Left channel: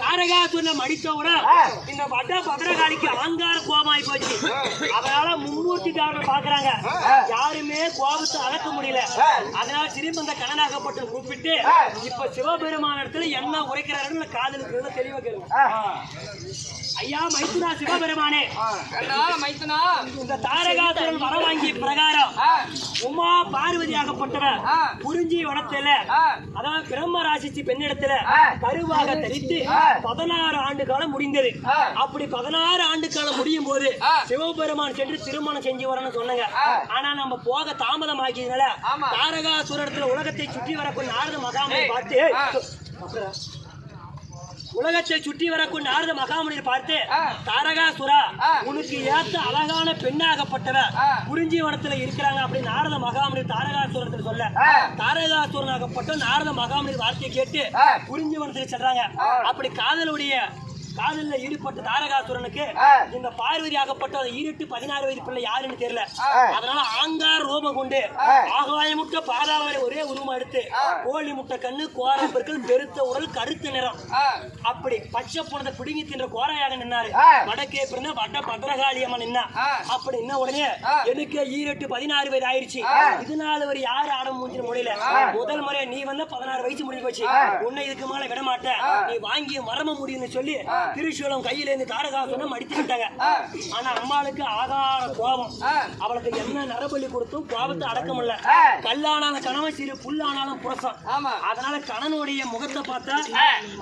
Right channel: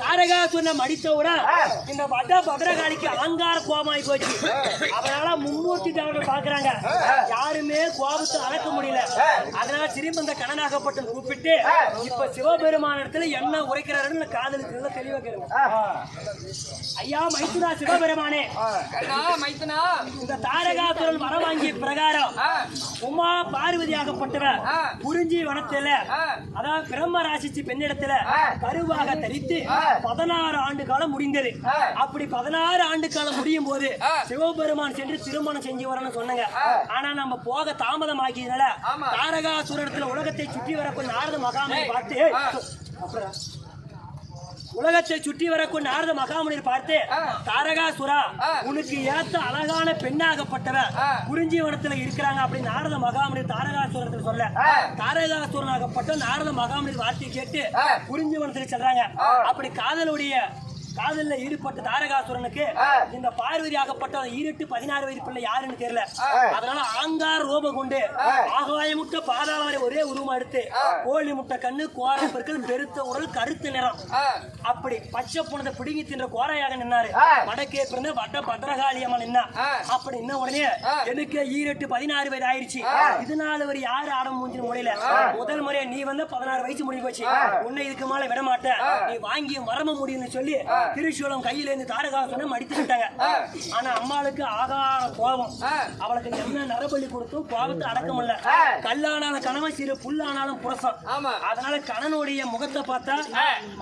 தாரகாசுரனை மடித்தவுடன் இந்த வட பத்ரகாளிக்கு அலங்கார கோபமாயி போச்சு. அதனால மும்மூர்த்தி தேவர்கள் பாக்குறாங்க, யாருமே கோபத்தை அடக்க முடியல. அதனால திரும்ப இந்த கணனாகப்பட்டு கூப்பிட்டு இப்ப சிவபெருமான இடத்துல என்ன உரைக்கிறாருன்னு காதலுக்கு தெளிவா கேளுங்க. ஐயா மைத்துனா சிவபெருமானே, இந்த தாரகாசுரன் வர வாங்கிய பிரகாரம் உமா பார்வதி ஆகப்பட்டவர் குறிஞ்சி வனத்துல, அதாவது பிரம்ம ராசிச்சு பெண்ணிடத்துல கருவாக தரித்து 16 ஆண்டு காலம் முடிந்தது. அப்படி 16 ஆண்டு காலம் முடியும் போது சிவபெருமான் சென்று திருமணம் செஞ்சு வரணும்னு சொன்னாங்க. ஆனா நம்ம போக தாமதம் ஆக்கியதுனால தாரகாசுரத்துல உலகத்தை சுற்றி வரக்கூடிய நாரத மகாமுனியை பார்த்து பார்த்து தாரகாசுரா உனக்கு ஏத்த அழகான பெண்ணாகப்பட்டவர் குறிஞ்சிவனத்துல இருக்கிறாங்க அப்படின்னு நாரத மகாமுனி தாரகாசுரத்துல சொல்ல, தாரகாசுரனாகப்பட்ட நாரத மகாமுனி வார்த்தையை கேட்டு குறிஞ்சிவனத்துல சொல்றாங்க. அப்படி காதல்ல ஈடுபட்ட தாரகாசுரனுக்கு இந்த பார்வதி ஆகப்பட்ட 16 வயது பிள்ளை யாருன்னு தெரியல. அதனால ஆங்கார ரூபம் கொண்டு ஆகாய முட்டை பாதாள வரை ஒரே உருவம் எடுத்து கோழி முட்டை கண்ணு கோரை பெருக்கள் பெருத்த உடல் கருத்த நிறம் அப்படி பச்சை போனதை பிடுங்கி தின்ற கோரையாக நின்னாரு. வடக்கே பிறந்த வட பத்ரகாளியம்மா நின்னா. அப்படி என்ன உடனே எனக்கு 16 வயது ஆயிடுச்சு, இதனால ஒரு யாரு ஆட முடிஞ்சு முடியல. முதல் முறையா நீ வந்து 16 வயசு முடிஞ்சு போச்சு, உன்னை இதுக்கு மேல விட மாட்டேன், நீ வாங்கி வரம முடியும்னு சொல்லி திருச்சூலம் கையில இருந்து தாரகாசுரனை அடித்துட்டாங்க. ஆனா அம்மாளுக்கு ஆகார கோபம், அவளுக்கு என்ன நரபலி கொடுத்தும் கோபத்தை அடக்க முடியல. கல்லான கணவன் சிறு புல்லானாலும் புரசம். அதனால கணனுடைய முகத்தை பார்த்தா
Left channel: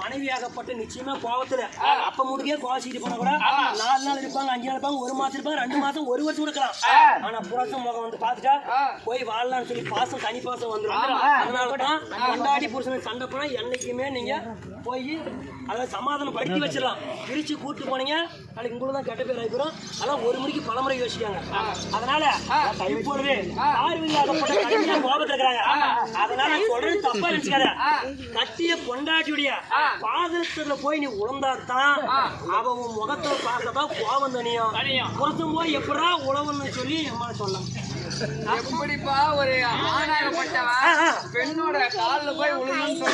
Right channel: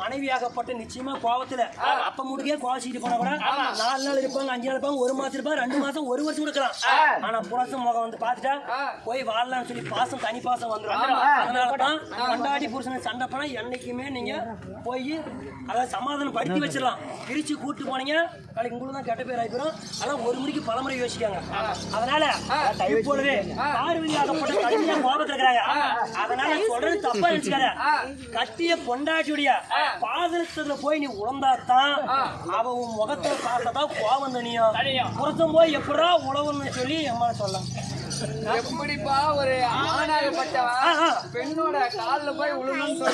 மனைவியாகப்பட்ட நிச்சயமா கோபத்துல அப்ப முடிய கோசிட்டு போன கூட 4 நாள் இருப்பாங்க, 5 நாள் இருப்பாங்க, 1 மாசம் இருப்பாங்க, 2 மாசம், 1 வருஷம் இருக்கலாம். ஆனா புரசம் முகம் வந்து பாத்துட்டா போய் வாழலாம்னு சொல்லி பாசம் தனி பாசம் வந்துடும். அதனாலதான் கொண்டாடி புருஷனை சண்டை போனா என்னைக்குமே நீங்க போய் அதாவது சமாதானம் படுத்தி வச்சிடலாம். பிரிச்சு கூட்டு போனீங்க நாளைக்கு உங்களுக்கு தான் கெட்ட பேர் ஆகிப்போம். அதெல்லாம் ஒரு மணிக்கு பலமுறை யோசிக்காங்க. அதனால இப்பொழுது பார்வையாகப்பட்ட கைதிகள் கோபத்தில் இருக்கிறாங்க. அதனால சொல்றது தப்பா நினைச்சுக்காத. கட்டிய பொண்டாட்டியுடைய பாதத்துல போய் நீ உழந்தாத்தான் அவன் முகத்தை பார்க்கத்தான் கோபம் தனியும். புறத்தும் போய் எப்படா உழவுன்னு சொல்லி அம்மா சொல்லலாம். எப்படிப்பா ஒரு ஆணாகப்பட்டவன் பெண்ணோட காலில் போய் விழுந்து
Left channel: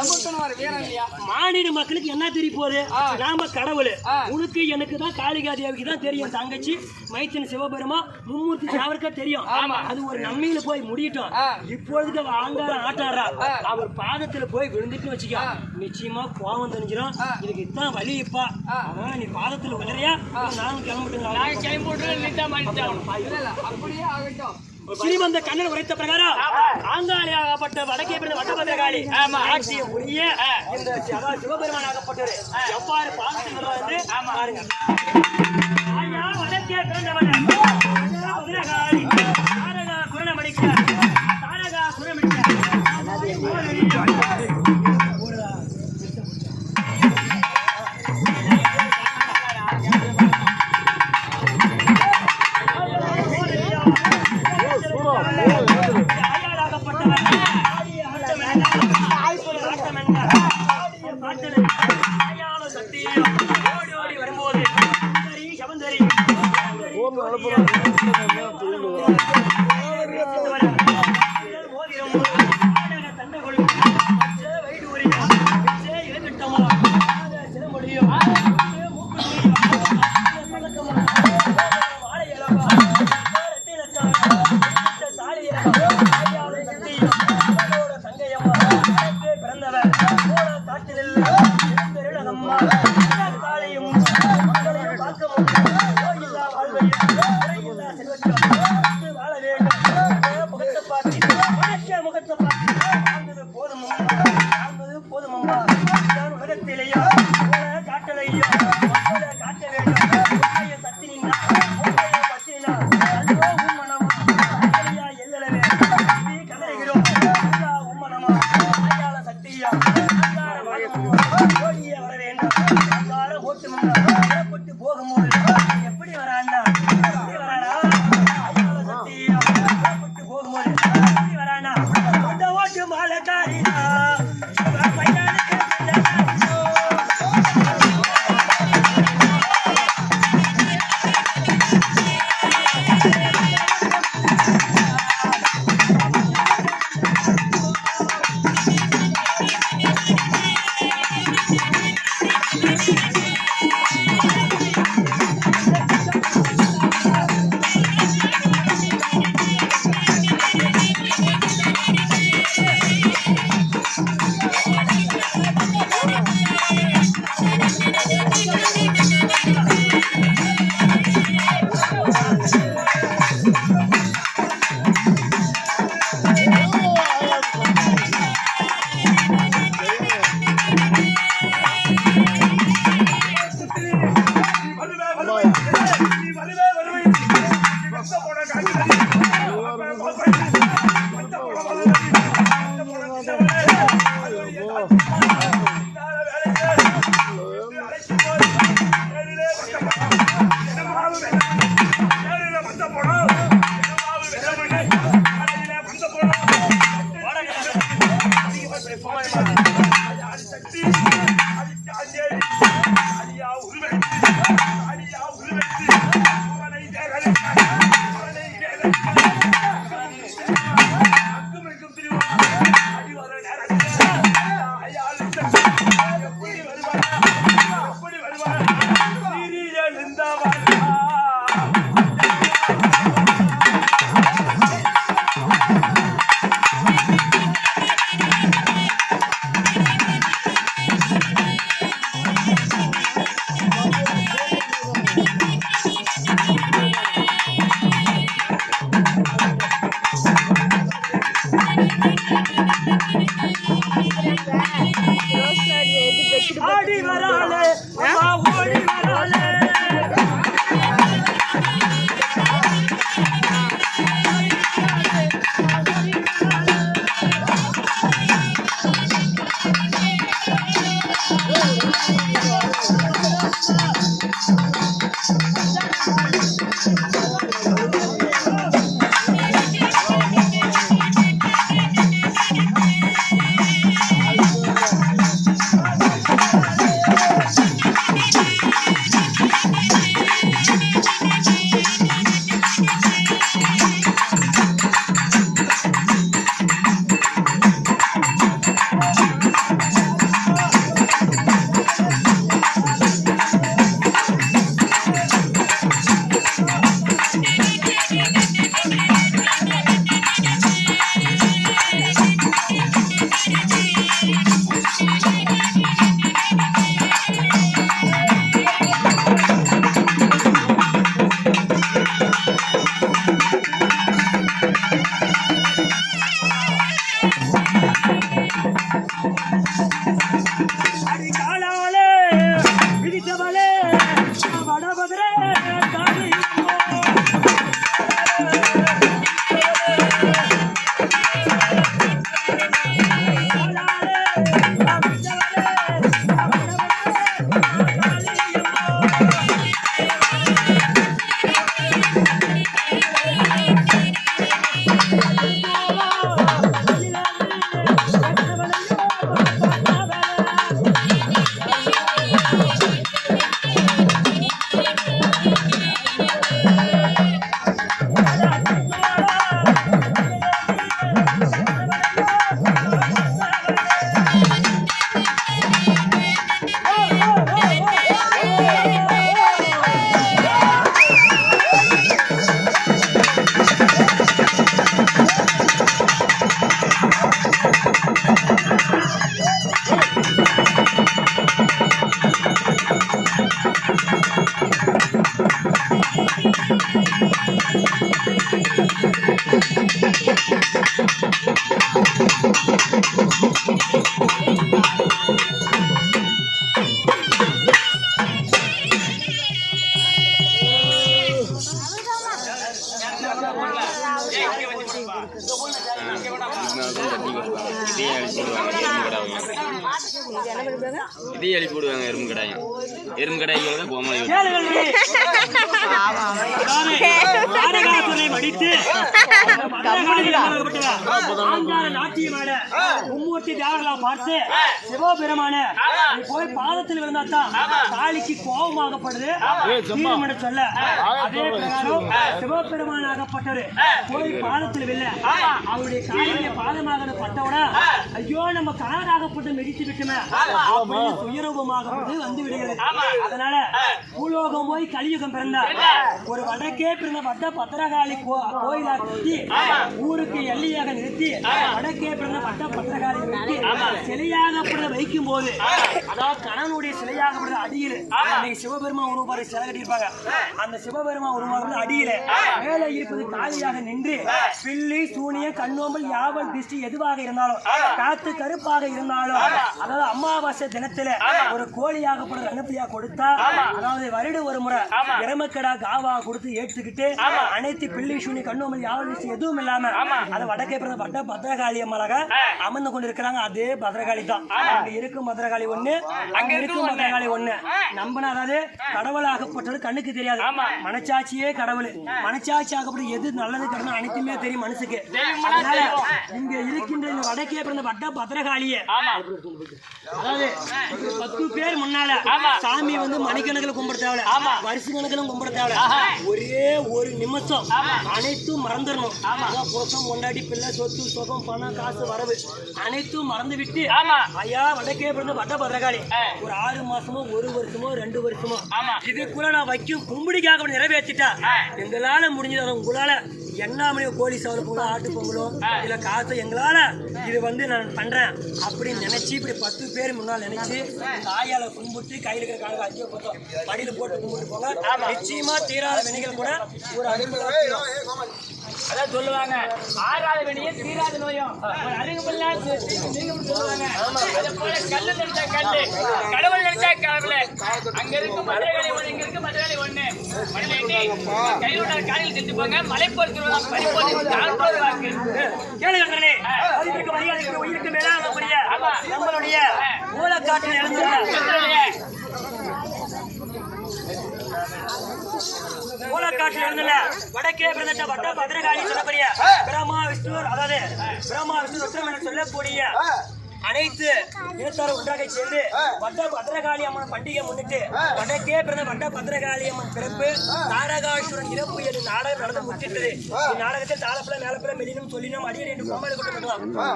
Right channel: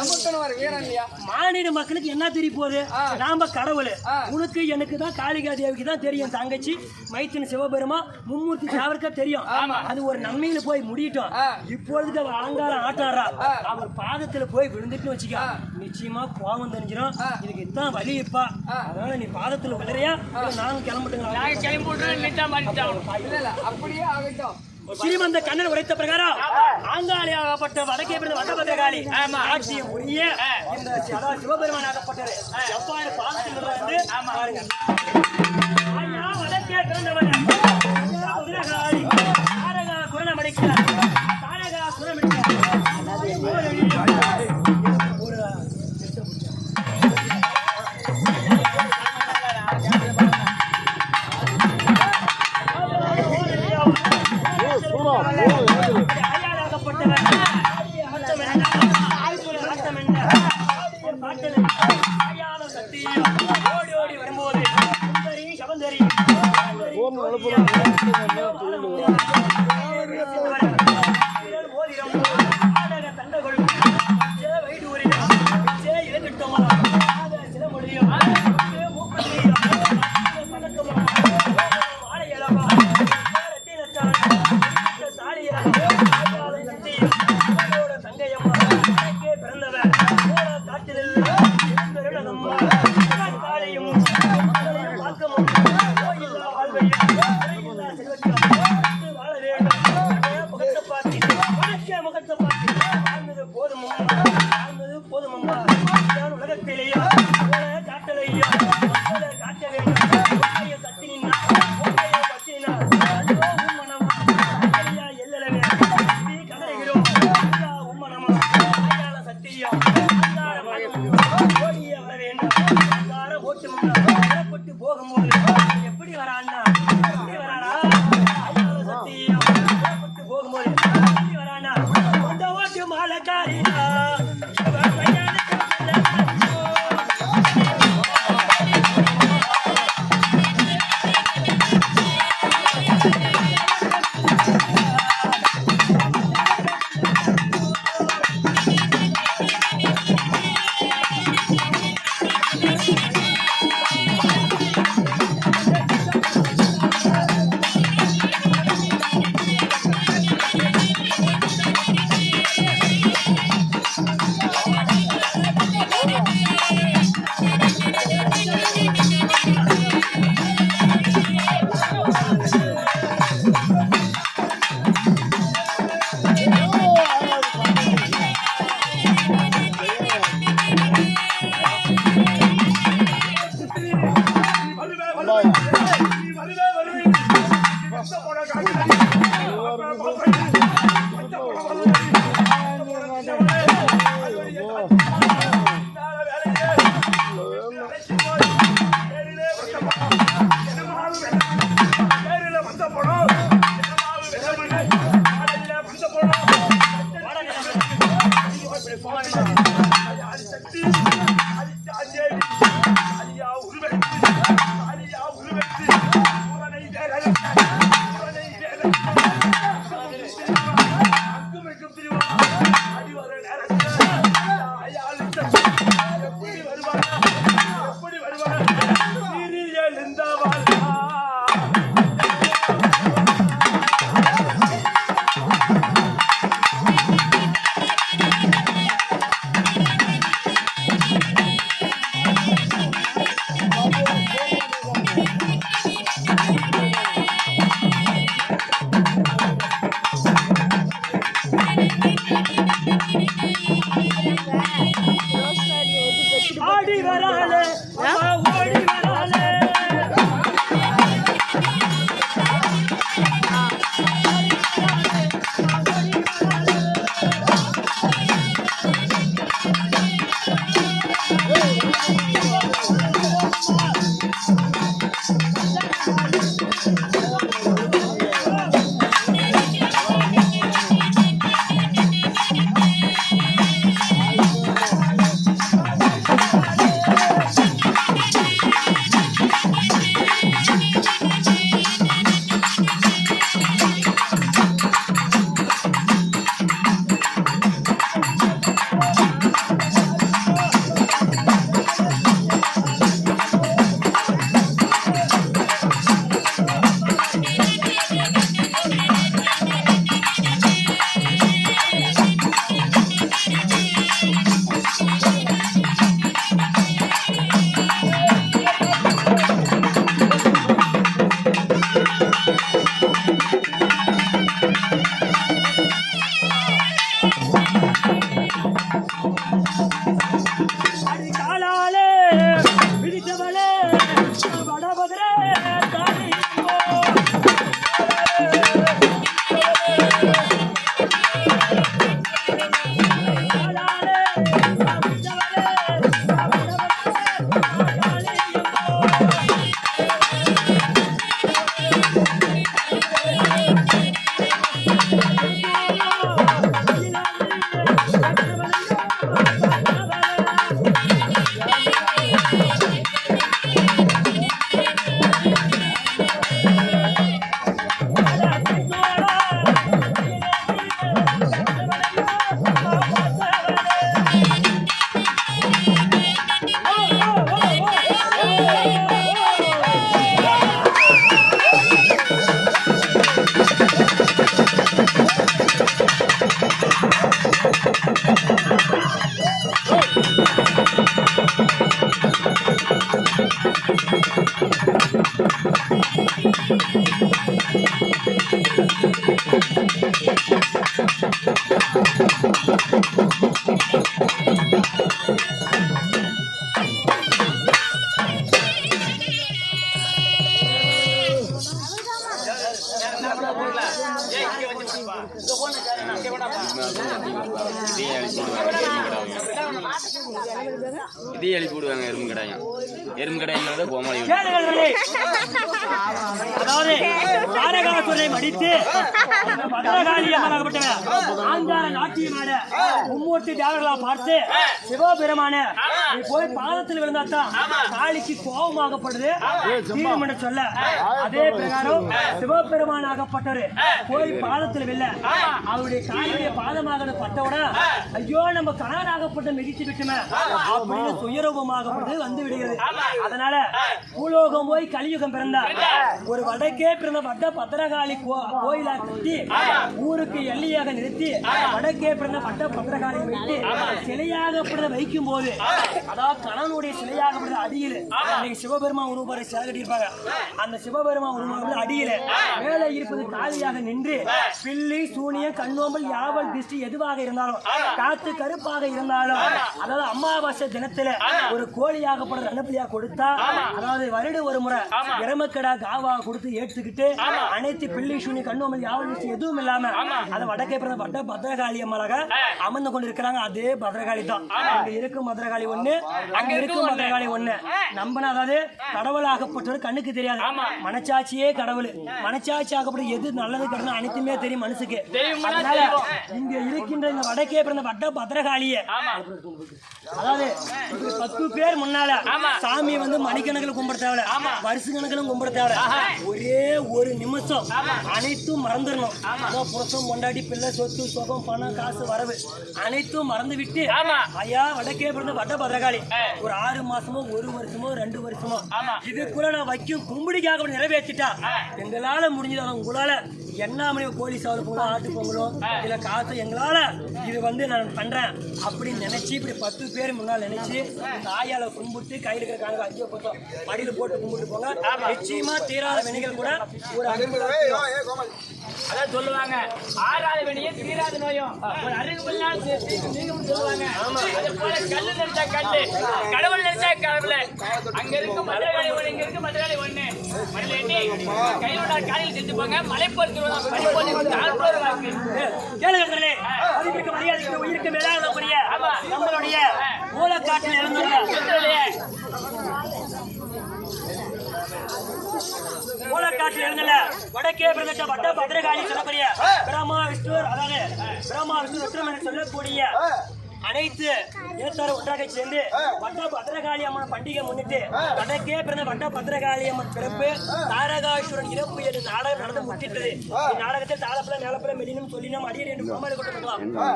சொல்லிட்டு ஒரு வீரன் இல்லையா? மாநில மக்களுக்கு என்ன தெரிய போகுது? நாம கடவுள். உனக்கு எனக்கு தான் காளிகா தேவிக்கு தான் தெரியும். தங்கச்சி மைத்தின் சிவபெருமா மும்மூர்த்தி தேவருக்கா தெரியும். அது ஒரு நன்மையில போய் முடியட்டும். இப்பொழுது அவ அலங்காரம் ஆட்டாரா அவர் பாதத்துல போய் விழுந்துட்டு வச்சுக்க நிச்சயமா கோபம் தெரிஞ்சிடும். இதுக்கு இதான் வலி இப்பா. அதனால நீ பாதத்துல விளையா நாங்க கிளம்பிட்டுங்க. அப்படியே ஆகட்டும். ஸ்ரீமந்த கண்ணன் உரைத்த பிரகாரம் ஆங்காளியாகப்பட்ட வடக்கே பிறந்த வட்டபத்திரகாளி ஆட்சியை உரிய இந்த சிவபெருமான் ஆகப்பட்டது எவ்வாறு பாதத்தில் பாருங்க. வடக்கே பிறந்தவன் மதுரகாளி தாரகா குரணம் அடிக்கிறார். தாரகா குரம் ஓடி ஓடி வரும்போது சவந்தரி தண்டகொள்ளி வைடூரி இளங்கட்டமா சிலமொழியும் இதையும் எழுப்பி விடுவாங்க எறும்பு கடாயம். எறும்பு கடாய்க்கு கோமாளி கேளுங்களே. அதாவது தாரகாசுரனை மடித்து நாட்டியமாட மும்மூர்த்தி தேவர்களா பார்த்து சிவபெருமான நீ போய் பாதத்தில் விழுந்தாத்தான் காளிக்கு கோபமாகப்படுது தீர்மனை சொல்ல அதே சிவபெருமானாகப்பட்டது போய் பாதத்தில் வில்ல அவருடைய காலிய பாதமாக பட்டவுட ஐயோ நம்ம கணவராகப்பட்ட மிதித்து விட்டுமே அப்படின்னு சுயரூபமாகப்பட்டு வந்து விடுகிறது. அதனால பூலோகம் போய் கலியுகம் பிறந்தார். ஒரு வடக்கே பிறந்த வட பத்திரகாளி கோயிலா கட்டி ஊருக்கு எல்லையாக நிறுத்தி வடக்கே பிறந்த வட பத்திரகாளி நிறுத்தி சிலையாக வைக்கும் போது அதாவது கணவனுடைய சிலையாக அடியில் இன்னைக்கு சிவபெருமா உருவாரு சிலை கட்டியிருப்பாங்க. அந்த சிவபெருமா உருவாரு அடியில மேலே இருப்பது காலியாக நின்று பில்லி சூனிய கண்ணோம்பல் யாவல் திருஷ்டி எதுவாக இருந்தாலும் காத்து கருப்பாக இருந்தாலும் அதாவது அமாவாசை தினத்துல ஒரு கோழியாகப்பட்ட கணப்பதியா கொடுத்தா அதாவது வருட ஒரு முறை இரமக்கடா காவா கொடுத்து ஏற்றுக்கிட்டு அனைத்து பில்லி சூனி கண்ணோம்பல் யாவல் திருஷ்டி எதுவும் இல்லாம அதை வடக்கே பிறந்த வட பத்திரகாளி அம்மளாக அமர்ந்து கொண்டிருக்கிறாங்க. அதே பத்திரகாளி தான். அங்க இருக்கும் பத்திரகாளி ஒண்ணு, அங்க இருக்கும் பத்திரகாளி ஒண்ணு. நம்பின அதாவது கடவுளாகப்பட்டது கண்ணுக்கு தெரியாது. மனச்சாட்சியே கடவுள். மனச்சாட்சி ஆகப்பட்ட எது நல்லது கெட்டது அனைத்துமே தெரியும் மனசுக்கு. அதனால இங்க இருக்கின்ற இந்த வடக்கே பிறந்த வட்ட பத்திரகாளிய அதாவது 10 பேர் முன்னால சாமி வந்து மணிக்கணக்கில் கும்பிட தேவை, வருஷ கணக்கிலும் கும்பிட தேவை. ஒரே ஒரு நிமிஷம் அனைத்தும் மறந்துடணும். அதான் புருஷம் கொண்டாடி பிள்ளை சொத்து சொகம் பணம் காசு வரவு அனைத்தும் மறந்து விட்டு ஐயா வடக்கே பிறந்த வட்ட பத்திரகாளி ஒரு 6 மாசமோ 1 வருஷமோ 2 வருஷமோ இதுக்குள்ள நான் வைக்கும் கும்பிடிக்காக நிறைவேற்றிட்டா எங்களால முடிஞ்சது. உங்களால என்ன கோழி சாவல் போங்களோ ஆட்டு பொங்கலோ இல்ல காசு எங்களால இது வந்து நான் பண்றேன் அப்படின்னு நினைச்சு இப்படி 10 பேர் முன்னால் நினைச்சு தாயால கும்பிட்டு கையில இருக்கிற காலையில் 5 பக்கம் மடியில போட்டு கும்பிட்டு போங்க. நிச்சயமா தீராத வினைகள் கூட ஒரு அதான் சொல்லுவாங்க 6வது வினையே தீராத நோயும் அறிவுபெல்லாம் சொல்லுவாங்க. கல்லு நினைச்சா கல்லு, கடவுள் நினைச்சா கடவுள். அங்க இருக்கு மதுரகாளி ஒண்ணு, இங்க இருக்கு மதுரகாளி ஒண்ணு. கையோட காலில் செஞ்சு போங்க மலை போட்டு கேளுங்களே. அதுக்கு மரியாதை உயிருக்கு மேலான நம்மளுடைய மூலக்காட்டில் எழுந்துள்ள மூலக்காட்டில் இருந்துள்ள வடக்கே பிரதேச வட்ட பத்திரகாளி சொல்லக்கூடிய பிரம்மா விஷ்ணு அதாவது பிரம்மா விஷ்ணு ருத்ரம் என சொல்லக்கூடிய அனைத்து நேத்தாரும் ஒன்றாக சேர்ந்து வட்ட பத்திரகாளி அம்மன் பண்டிகை முன்னிட்டு வடக்கே பிறந்த வட்ட பத்திரகாளி அம்மன் பிறப்பு தாரகாசுரன் இறப்பு என்று நாடகம் நடந்து முற்றிட்டது. இந்நாடகத்தில் தாளப்பில மேலப்பில மெலினும் சொல்லினும் அடியர் என்று கோமாளி கொண்டு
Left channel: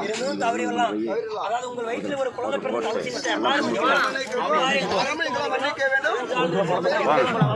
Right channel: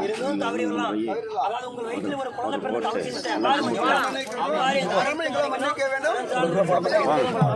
இருந்தும் தவறி வரலாம். அதாவது உங்கள் வயிற்றில் ஒரு குழந்தை பிறந்த அவசியம்